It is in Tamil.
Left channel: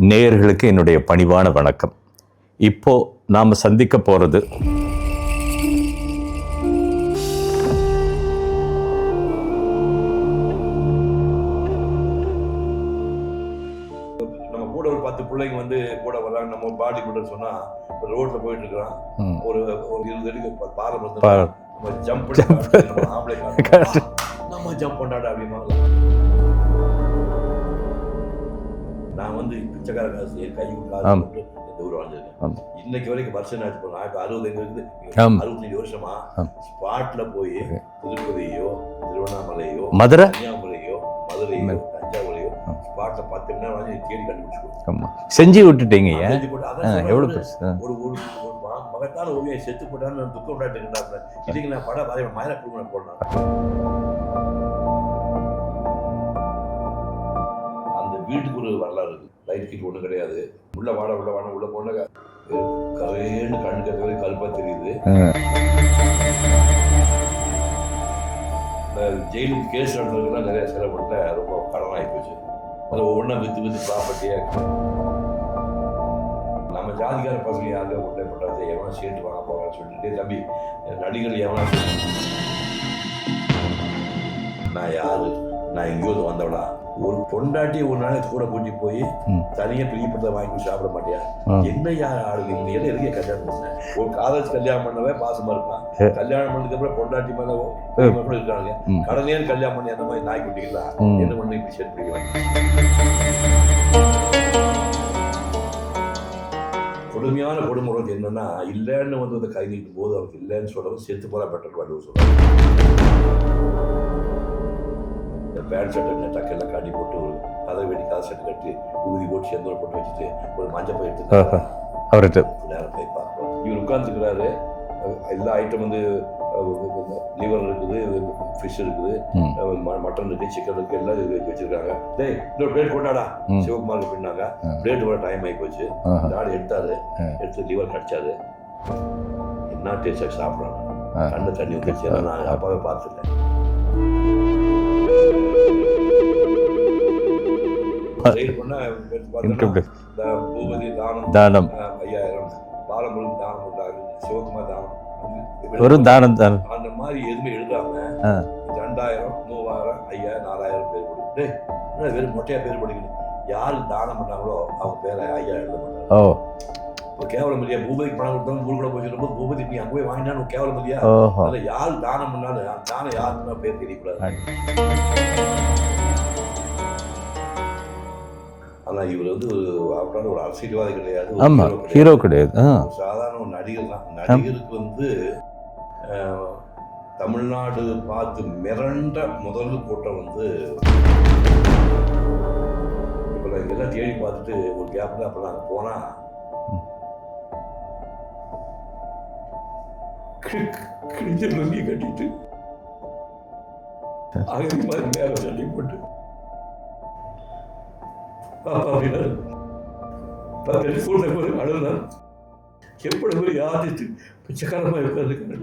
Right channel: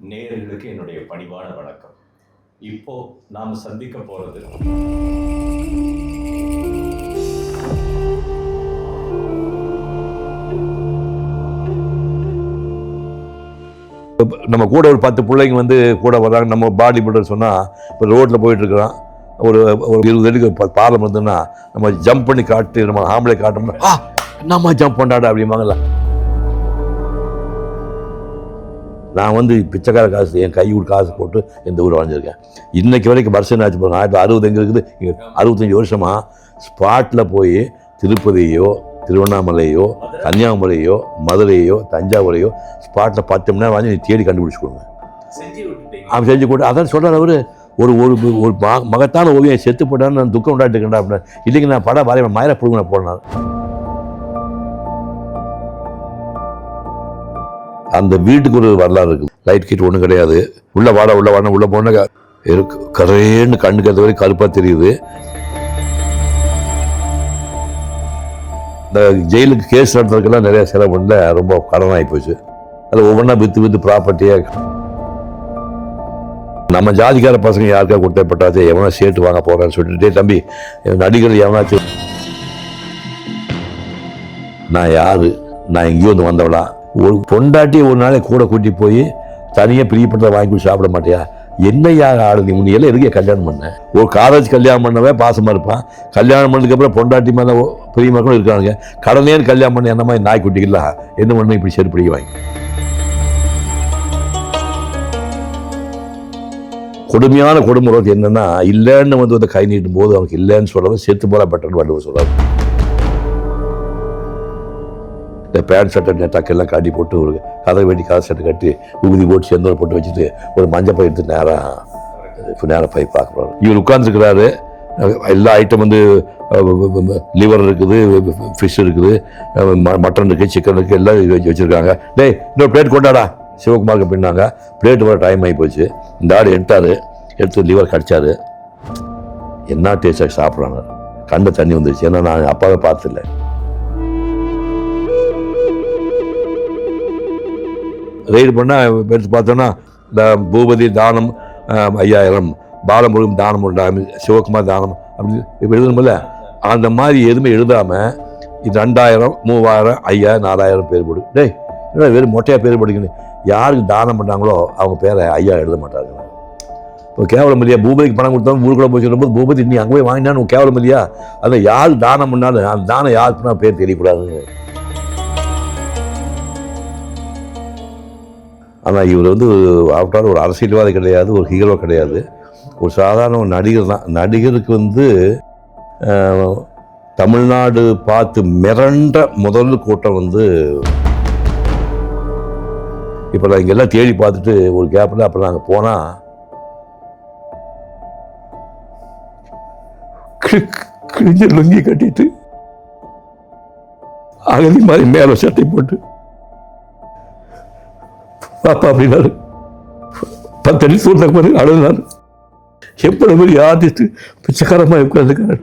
நேயர்களுக்கு என்னுடைய பணிவான வணக்கம். இப்போ நாம் சந்திக்க போகிறது நம்ம கூட ஒரு 10 பிள்ளைங்க வந்து கூட வர்றாங்க. நம்ம பாடி பில்டர் சொன்னா இப்போ ரோட்ல போயிட்டு இருக்கிறான், ஒரு 20 அடிக்கு பாலம் இருந்ததுன்னா நம்ம ஜம்ப் பண்ணி காட்டு, நம்ம ஆம்பளை காட்டணும், நம்ம ஜம்ப் பண்ணாடா அப்படிம்பாங்கல்ல. நான் வந்து பிச்சைக்கார காசு என் கை காசு போட்டு எந்த ஊர் வாழ்ந்திருக்கேன். இன்னைக்கு வரைக்கும் வருஷம் ஆச்சு. நான் இப்போ 60 எங்க இருக்குது, 65 வருஷமா ஸ்பாட்ல போய் திருப்பதியோ திருவண்ணாமலையோ மதுரை கன்னியாகுமரியோ மதுரையோ தஞ்சாவூரையோ ஸ்பாட்ல 10 மணி நேரம் வாங்கி நீ தேடி கண்டுபிடிச்சு கொடுங்க. செஞ்சு விட்டுட்டீங்க. அவன் செஞ்சு கொடு. அதான் சொல்றாரு அவரு. ஒரு ஒரு மகத்தான ஓவியம் செத்து போட்டான்னு நான் துக்கம் உண்டாட்டு இருக்கேன்டா அப்படின்னு. இல்லைங்க நான் படம் வரைய மயிர புடுங்க போனான். அந்த வீட்டுக்கு ஒரு வரலாறு இருக்குது. லைட் கிட் ஒன்றும் கிடையாது. உள்ள வாட உள்ள போன இருக்கு கரேன்னு கண்ணுக்கு அது வரைக்கும் கருப்பா தெரியுது. இந்த ஜெயிலுக்கு கேஸ் நடத்துறதுக்கெல்லாம் நிறைய செலவு பண்ணல, ரொம்ப கடன் ஆகி போச்சு. அது ஒவ்வொன்றா வித்து ப்ராப்பர்ட்டியா நம்ம ஜாதிக்கார பசங்க யாருக்கா கொடுத்தப்பட்டாச்சு எவனா சேர்த்து வாங்க போறான்னு சொல்லிட்டு, தம்பி நடிகர் எவனாச்சும் நான் யாரு, நான் எங்கேயோ வந்து வந்தவளா, ஒரு பொண்டாட்டி ஒரு நாளை கூட கூட்டி போய் தனியா பிரியப்பட்ட வாங்கி போய் சாப்பிட மாட்டியா? என்ன யார் ஆளு நீ? உன்னை எல்லாம் எதுக்கே கல்யாணம் பண்ண? ஒரு காலேஜ் கல்யாணம் பண்ணவே பாசமா இருப்பான். கல்யாணம் பண்ணதுக்கு அப்புறம் பொண்டாட்டி மேல பிரியமா கூட இருக்காங்க. கடனே கல்யாணம் பண்ண என்ன மாதிரி நாய் குட்டிக்கலாம் என்ன பண்ண இப்படி செருப்படி வாங்கி. கொடுமையான கொடுமுறை என்னன்னா, இல்லைன்னு வந்து கை நீட்டும் போது அவனுக்கு இல்லைன்னு சொல்லவும் செத்து போல பெட்டர்னு வள்ளுவர் சொல்றாரு. இந்த பேண்ட் ஷர்ட்டை டக்கெல்லாம் காட்டி போட்டு ஒரு கதை வெட்டி காசு சட்டை கட்டி உகுதி போட்டு செந்தூர் போட்டு வச்சுட்டு ஒரு மஞ்சள் பை எடுத்து நேரம் அவர்கிட்ட நேரம் போய் பார்க்குறாரு. இவர் உட்கார்ந்துருக்கிறாரு. எல்லா ஐட்டம் வந்து லிவர் இருக்குது, ஃபிஷ் இருக்குது, மட்டன் இருக்குது, சிக்கன் இருக்குது, எல்லாம் வச்சிருக்காங்க. டேய் இன்னொரு பிளேட் கொண்டாடா சிவகுமாருக்கு பின்னாங்க. பிளேட் வர டைம் ஆகி போச்சு. இந்த ஆடு எடுத்து லிவர் கடிச்சாரு. என்ன டேஸ்டாக சாப்பிட்றாங்க. கண்ட தண்ணி வந்துருச்சு. ஏன்னா நான் அப்பாவை பார்த்துல. ரைடு பண்ணா எடுத்து பார்த்தோன்னா இந்த பூபதி தானம் 5000, பாலமுருகன் தானம் 1, சிவகுமார் தானம் அப்படி அந்த மாதிரி எதுவுமே எழுதாம 2000, 3000, 5000, 4000 பேர் போடு. டேய் வெறும் மொட்டையா பேர் போடுங்கன்னு யாருக்கு தானம் பண்ணாங்களோ அவங்க பேரை ஐயா எழுத மாட்டாங்க. இப்போ கேவலம் இல்லையா? பூபதிக்கு பணம் கொடுத்தா ஊருக்குள்ள போய் சொல்லும் போது பூபதி நீ அங்கே போய் வாங்கினான்னு கேவலம் இல்லையா? அதை யாரு தானம் பண்ணாலும் அந்த தானம் யாருக்குன்னா பேர் தெரியக்கூடாது. ஆனா இவர் வந்து ஆஃப்டர் ஒரு அரசியல்வாதி கிடையாது, ஒரு ஹீரோ கிடையாது, ஒரு சாதாரண ஒரு நடிகர் தான். நடிகருக்கு வந்து தமிழ்நாடு பார்த்து மிரண்ட முதல் கூட்டம் வந்து இப்ப நான் இங்கெல்லாம் தேடி பார்த்துட்டு ஒரு கேப்ல அப்புறம் நாங்க போனா கிழிஞ்ச லுங்கி கட்டிட்டு அகதி மாதிரி மேல சட்டை போட்டு பாப்பா அப்படின்னாரு. 10 அடி சூழ்நிலை அழுதான். எப்படி மாதிரி ஆர்டிஸ்ட் பிச்சைக்காரமா உட்காந்துருக்காரு.